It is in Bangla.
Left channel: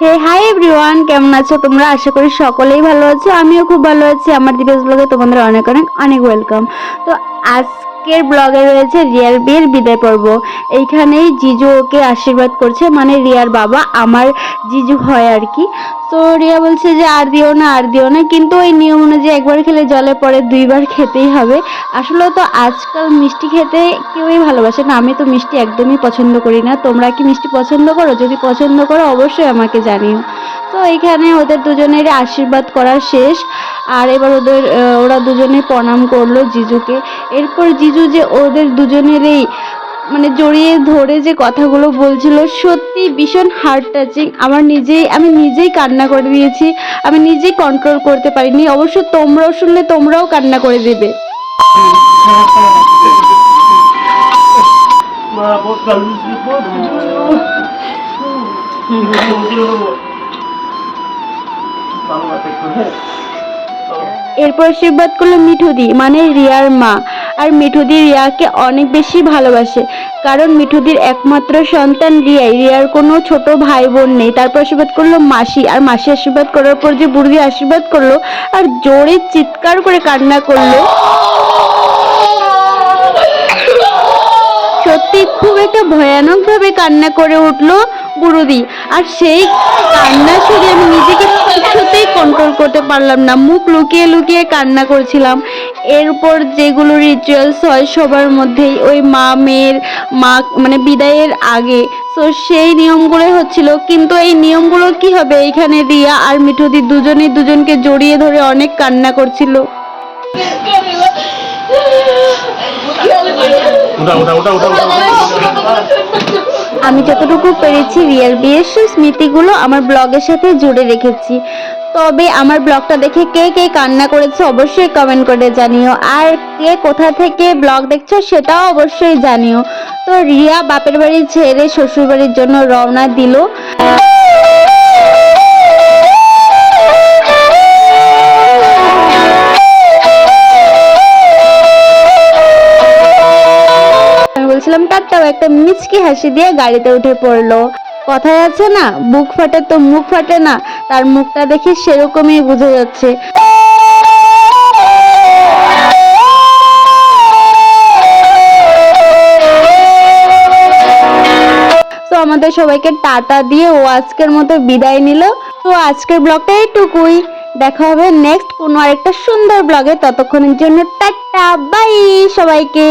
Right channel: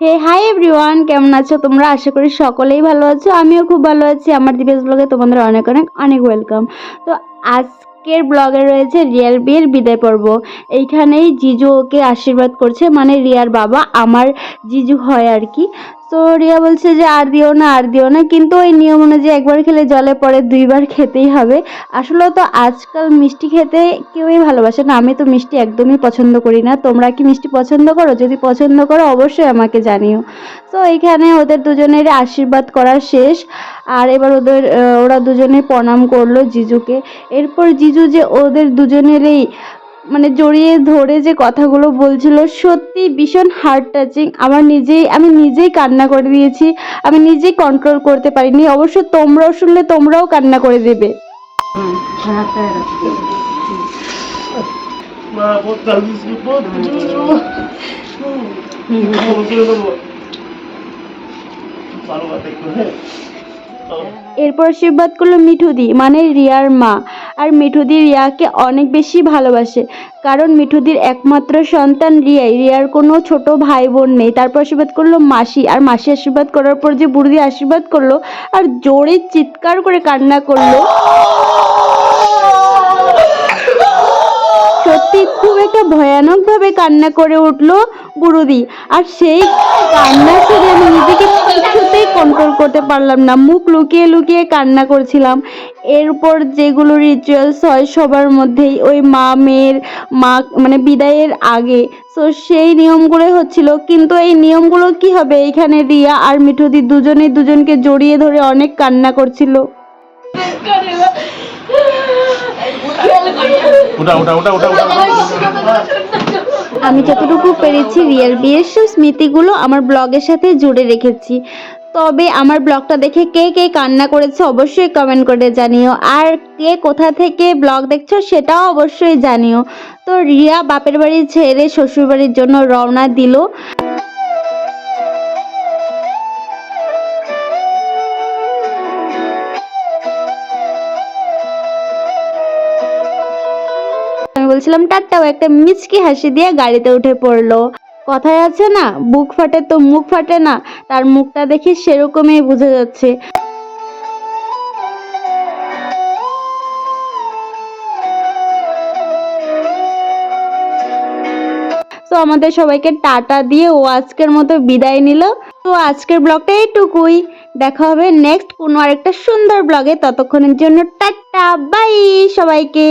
হে হাই এভরিওয়ান কেমন আছো তোমরা? আশা করি সকলেই ভালো আছো, আমিও খুব ভালো আছি। আমার দিবস ব্লগে তোমাদের অনেক অনেক অনেক ওয়েলকাম তো আজকের ব্লগে রয়েছে রিয়ার বিয়ের বিদায় পর্ব। এইখানেই জিজু ওকে আশীর্বাদ করছে মানে রিয়ার বাবা, আমার জিজু হয় আর কি। তো রিয়া বলছে যে, আর দিও না, আর দিও না। কিন্তু ওই নিয়ম অনুযায়ী একবার খেলে জলে পরে দুইবার খেতেই হবে। আসলে তো আজকাল মিষ্টি খেতে কেউই ভালোবাসে না। আমি তো মিষ্টি একদমই পছন্দ করি না। তোমরা কি মিষ্টি পছন্দ করো? যদি পছন্দ করো, অবশ্যই আমাকে জানিও। তো এখানে ওদের দুজনের আশীর্বাদ করা শেষ। আর এবার ওদের ওরা দুজনে প্রণাম করল জিজুকে। এরপর জিজু যে ওদের দুজনেরই মানে জড়িয়ে ধরে যে কথাগুলো বলছিল সত্যি ভীষণ হার্ট টাচিং আমার নিজেই আমি নিজেই কান্না করে দিয়েছি। আমি নিজেই কন্ট্রোল করতে পারিনি। অবশ্য তোমরাও শুনলে তোমরাও কান্না করে দেবে। মা এরপর আশীর্বাদ করল মিঠুদি মানে রিয়ার মা। আর মিঠুদি রিয়াকে অনেক বেশি ভালোবাসে, কারণ মিঠুদির একমাত্র সন্তান রিয়াই। রিয়ার কোনো ছোট ভাই বোন নেই। তারপর আশীর্বাদ করল মাসি, আর মাসি আশীর্বাদ করার পর যে বুড়ি আশীর্বাদ করল, আর জোরে চিৎকার করে কান্না করল। সত্যি খুব একটা ভয়ানক ভাবে কান্না করে উঠল বুড়ুদি আর সেই কান্না শুনে আমি নিজেকে কিছুতেই কন্ট্রোল করতে পারলাম না। মুখ লুকিয়ে লুকিয়ে কান্না করছিলাম। এরপর যেগুলো রিচুয়ালস হয় সবার মধ্যেই ওই মা মেয়ের মা মানে বিদায়ের আগে। তো সেই নিয়মগুলোই হচ্ছিল। কিন্তু এই নিয়মগুলো কি হবে এইখানে রিয়া আর মিঠুদি দুজনেই দুজনকে জড়িয়ে ধরে অনেক কান্না করছিল। উঠা। উঠা উঠা উঠা উঠা। আমি যতটুকু পেরেছি রিয়েল বিয়ের সেই স্মৃতিগুলো আমার ব্লগের সাথে জুড়ে রেখেছি। তবে আমার ব্লগটা দেখে কে কে কান্না করেছে অবশ্যই কমেন্ট করে জানিও। আর কে কোথা থেকে ব্লগ দেখছ সেটাও অবশ্যই জানিও। তো রিয়া বাপের বাড়ি ছেড়ে শ্বশুর বাড়ির জন্য রওনা দিল। তারটাও একটা মিচকি হাসি দিয়ে গাড়িতে উঠে পড়ল। কথায় আছে না, বুক ফাটে তো মুখ ফাটে না, তার মুখটা দেখে সেরকমই বুঝে যাচ্ছে। তো আমাদের সবাইকে টাটা দিয়ে ও আজকের মতো বিদায় নিল। তো আজকের ব্লগটা এইটুকুই। দেখা হবে নেক্সট কোনো আরেকটা সুন্দর ব্লগে। ততক্ষণের জন্য টাটা, বাই সবাইকে।